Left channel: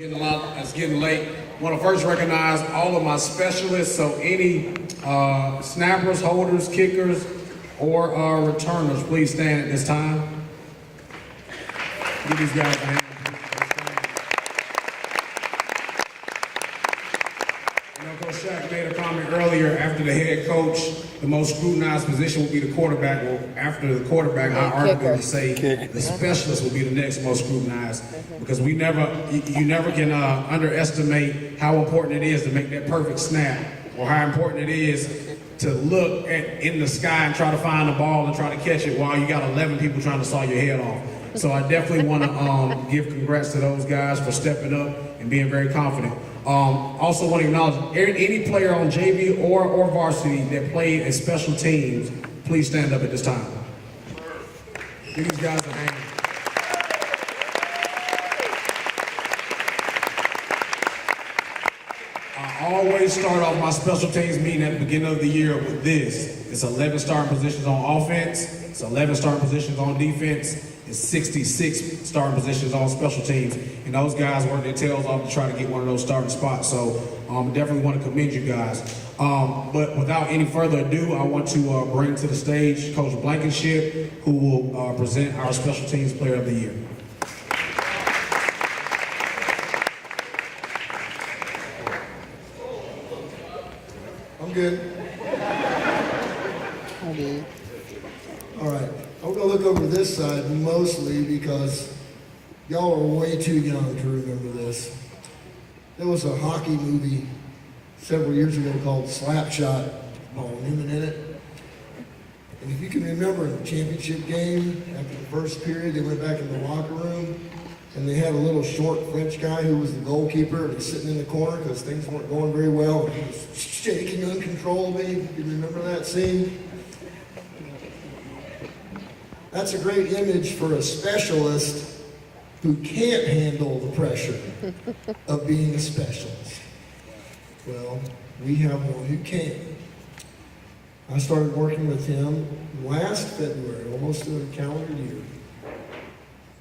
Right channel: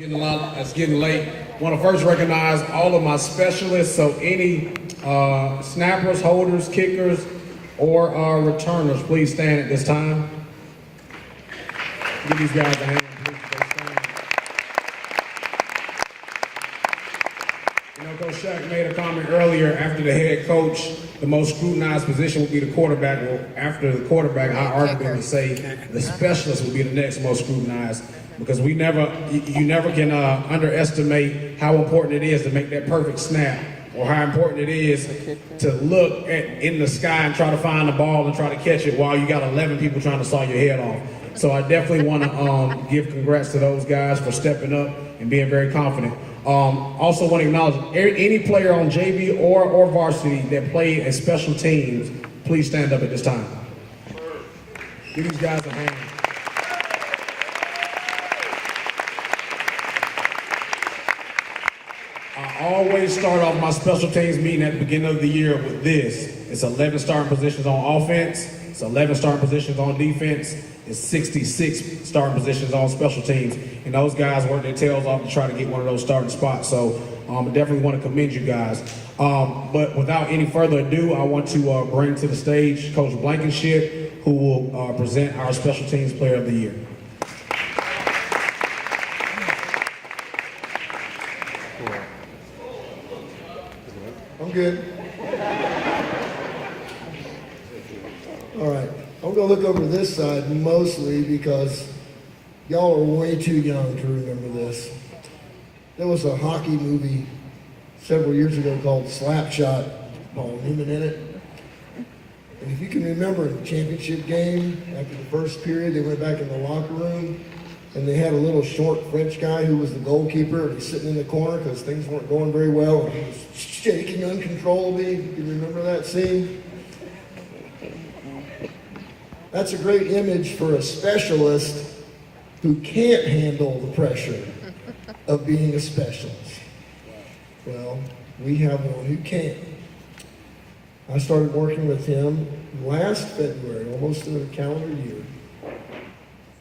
It's getting late. I want to first recognize all of my specialists. So any snappers, holders, kickers, or returners, please stand at this time. Give these guys a hand. Coach Shaq made a comment earlier. After the head coach, the most scrutinized position will be the quarterback. Well, after the quarterback, I arguably say the specialist will be the next most scrutinized, because you never can underestimate how important it is to make that perfect snap, or how important it is to look in the sky and try to find the ball and try to catch it while you got 11 people trying to saw your head off. So I definitely want to give congrats to those guys for stepping up and being very confident. Also want to acknowledge any player on JV or varsity that played at special teams, please stand up at this time. Give these guys a hand. I always start off my special teams meeting at the beginning of the year with this. It's 11 starting positions on offense, it's 11 starting positions on defense, it's 66 starting positions on special teams, and those guys work their tails off to try to get one of those starting spots. So I definitely want to commend you guys. But without any further ado, I want to bring to the stage Coach Blankenship, who will present our special teams player of the year. I'm good. All right. I'm going to look over this side mostly because y'all are way too young to remember this. There was a hockey movie several years ago called Slapshot, Paul Newman in it. And if you can remember the championship game, after the first period, they went back in the locker room and they had a little short French guy who was the goalkeeper, and he's sitting in the corner because things weren't going very well. And he was shaking uncontrollably. Do you remember that scene? That's a great image for a specialist who can't handle the pressure of being a specialist. Well, we have one who can. I started working with him last February, almost in a calendar year.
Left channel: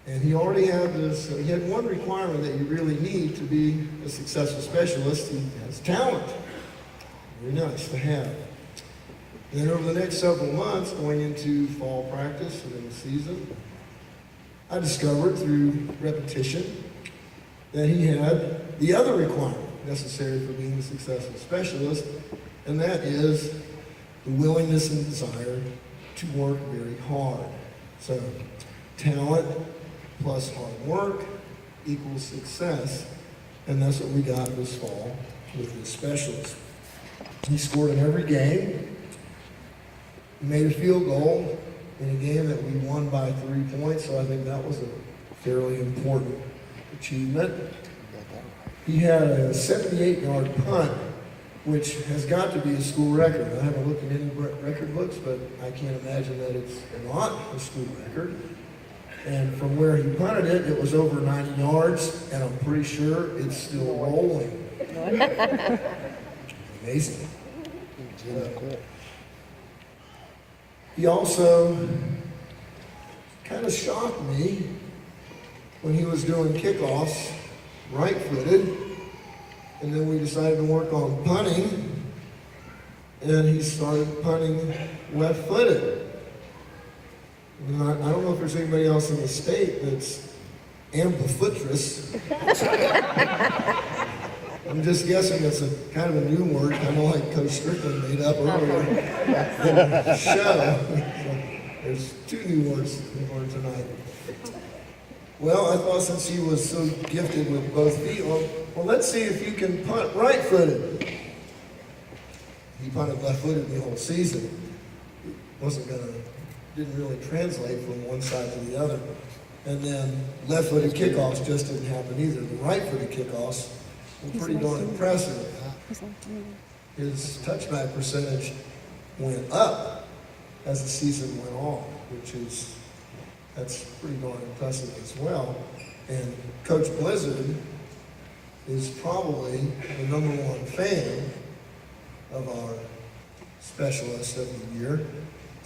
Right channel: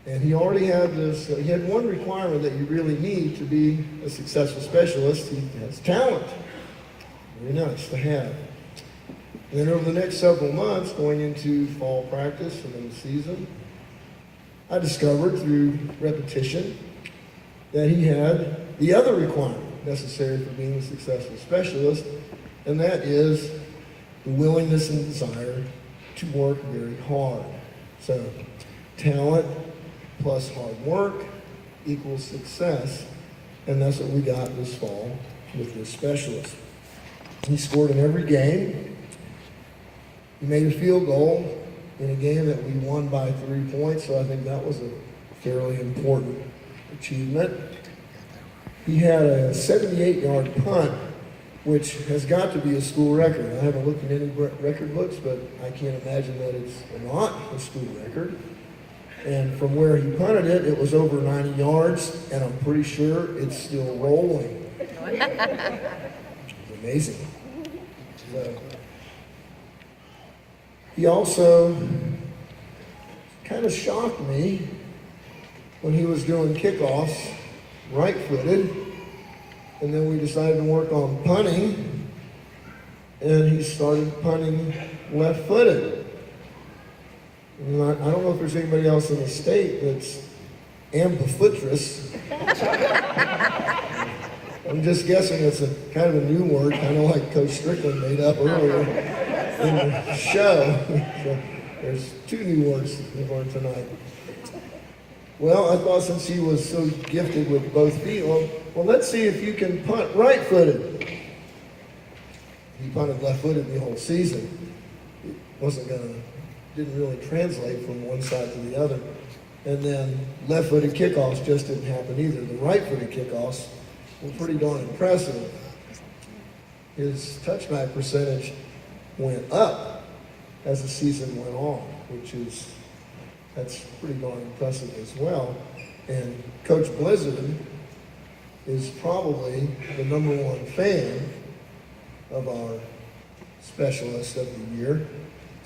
And he already had he had one requirement that you really need to be a successful specialist. He has talent. Very nice to have. And then over the next several months, going into fall practice and then the season, I discovered through repetition that he had the other requirement necessary for being a successful specialist, and that is the willingness and desire to work very hard. So, talent plus hard work equals success, and that's what we got this fall with this specialist. He scored in every game. He made a field goal in a game that we won by 3 points, so I think that was a fairly important achievement. He had a 78-yard punt, which has got to be a school record. I haven't looked at any record books, but I can't imagine that it's not a school record. And from where he punted it, it was over 90 yards, and I'm pretty sure it's still rolling. Amazing. He also kind of shocked me when he was doing kickoffs, right-footed, and then we decided to work on punting, and he started punting left-footed. And I don't know if there's anybody else in the state that's ambidextrous. I'm just guessing it's a kind of a new word, kind of like Coach Strickland made up earlier in the show. So there's 2 new words we learned tonight. Well, I thought since he was so gifted with both feet, well, let's see if you can punt right-footed. He punted left-footed the whole season. It didn't really translate from one side to the other. And then left-footed kickoffs just didn't happen either. The right-footed kickoffs were pretty darn impressive. His touchback percentage went up as the season went on, that's pretty darn impressive as well. And Coach Blizzard is probably the #1 fan of our specialist of the year.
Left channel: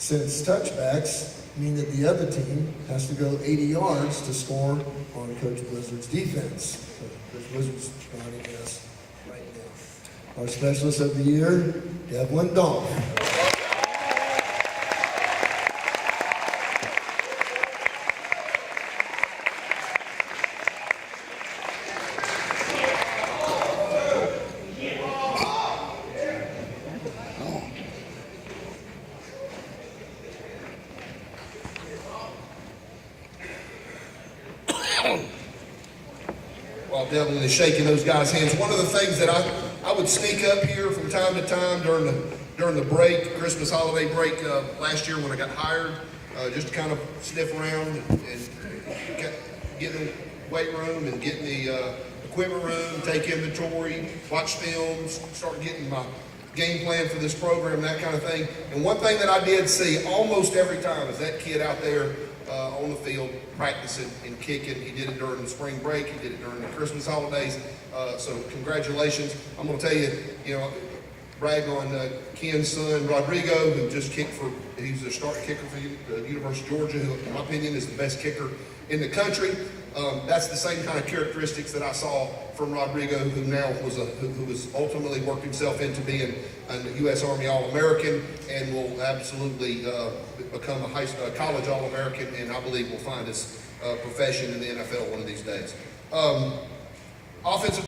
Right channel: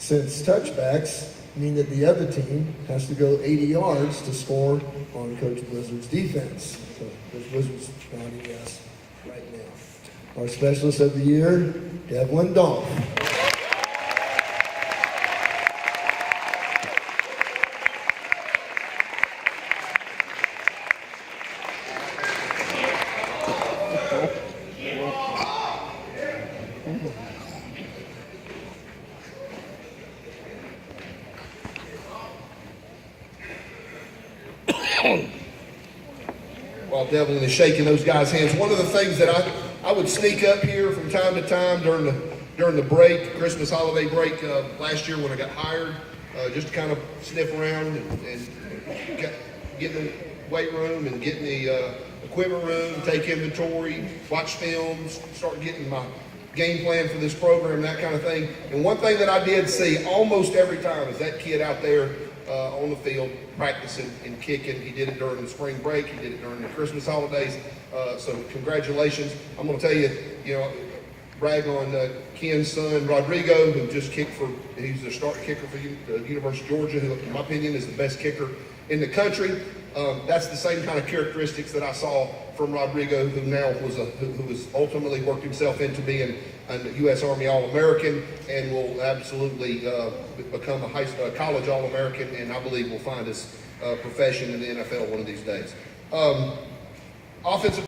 since touchbacks mean that the other team has to go 80 yards to score on Coach Blizzard's defense. So Coach Blizzard's joining us right now. Our specialist of the year, Devlin Dolph. While Devlin is shaking those guys' hands, one of the things that I would sneak up here from time to time during the break, Christmas holiday break last year when I got hired, just to kind of sniff around and get in the weight room and get in the equipment room, take inventory, watch films, start getting my game plan for this program, that kind of thing. And one thing that I did see almost every time is that kid out there on the field practicing and kicking. He did it during the spring break. He did it during the Christmas holidays. So congratulations. I'm going to tell you, brag on Ken's son, Rodrigo, who just kicked he's the starting kicker for the University of Georgia, who in my opinion is the best kicker in the country. That's the same kind of characteristics that I saw from Rodrigo, who now who has ultimately worked himself into being a U.S. Army All-American and will absolutely become a college All-American, and I believe will find his profession in the NFL one of these days. Offensive